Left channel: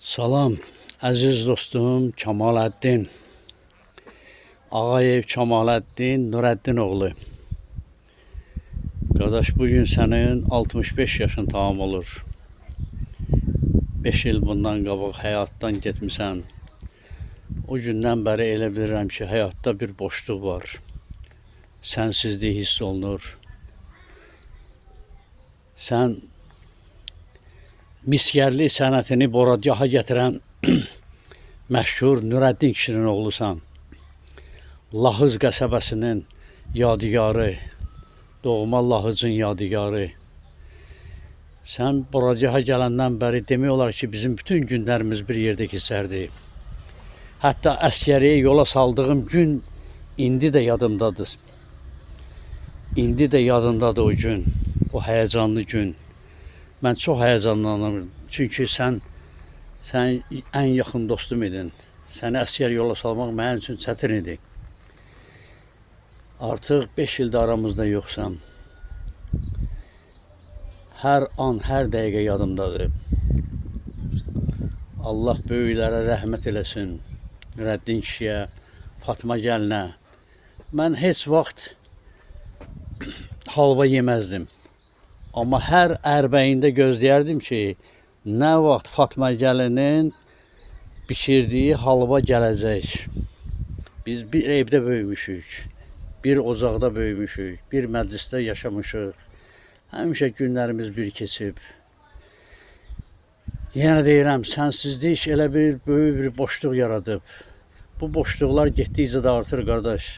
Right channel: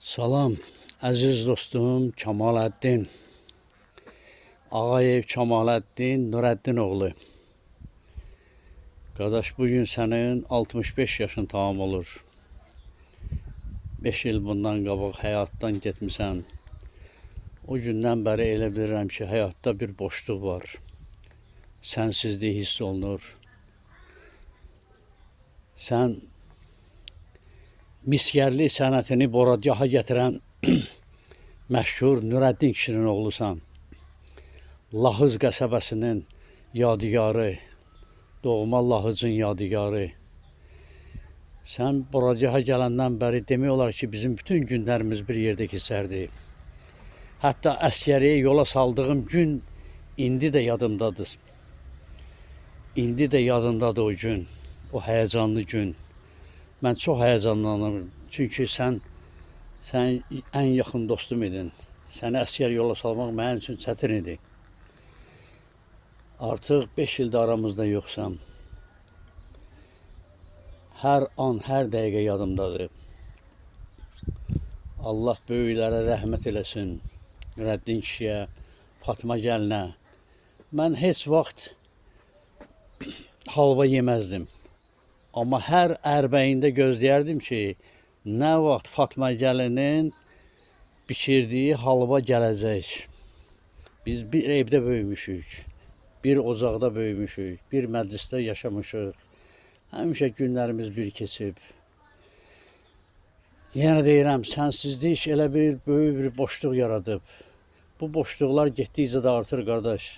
Salam, əziz dostum Kemaləddin, Ağayev Kemaləddin Nurəddin oğlu. Qardaş, bugün sənin 65 yaşın tamam olur. 5 il bundan qabaq həyatdan getmisən. O gündən bəri elə bilirəm ki, həyatda bir boşluq var. Sənsizlik hiss olunur. Sən miskərlik sənətini boracaha gətirən məşhur Nurəddin kişinin oğlusan. Lahız qəsəbəsinin yadigarı, doğma Lahızın yadigarı. Sən boracaha gələndən bəri demək olar ki, bizim bütün günlərimiz bir yerdə keçərdi. Hətta əskəriyə yola saldığım gün indi də yadımdadır. İndi də yadımdadır o gün, o həyəcanlı gün. Mən çox həyəcanlanırım, çünki sən ən yaxın dostum idin. Səni əskər yola salmaq mənim üçün çətin idi. Artıq 5 ildə aramızda yoxsan. Hər an, hər dəqiqə yadımdadır. Allah böyüklərə rəhmət eləsin. Nurəddin kişiyə, Fatma gəlinə. Mən heç vaxt halva yeməzdim. Amma hər ərbəyində gözləyərdim ki, nə vaxt Fatma gəlinin bişirdiyi halva gələcək. Biz bir evdə böyümüşük, bir ocaqda böyümüşük, bir məclisdə yaşamışıq. Həmişə günlərimiz bir keçib. Yenə deyirəm, sənsizlik elə bir böyük bir boşluq yaradıb. Bu boşluqlar getdikcə də artır, qardaş.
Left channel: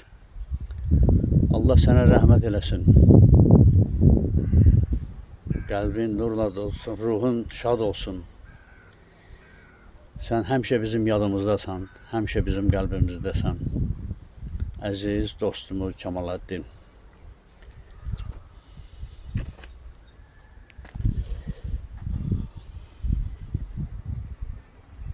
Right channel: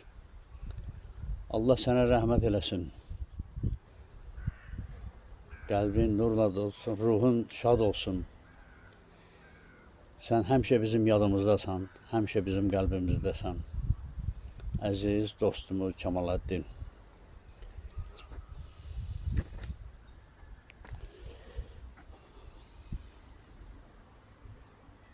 Allah sənə rəhmət eləsin. Qəlbin nurla olsun, ruhun şad olsun. Sən həmişə bizim yadımızdasan, həmişə bizim qəlbimizdəsən. Əziz dostumuz Kemaləddin.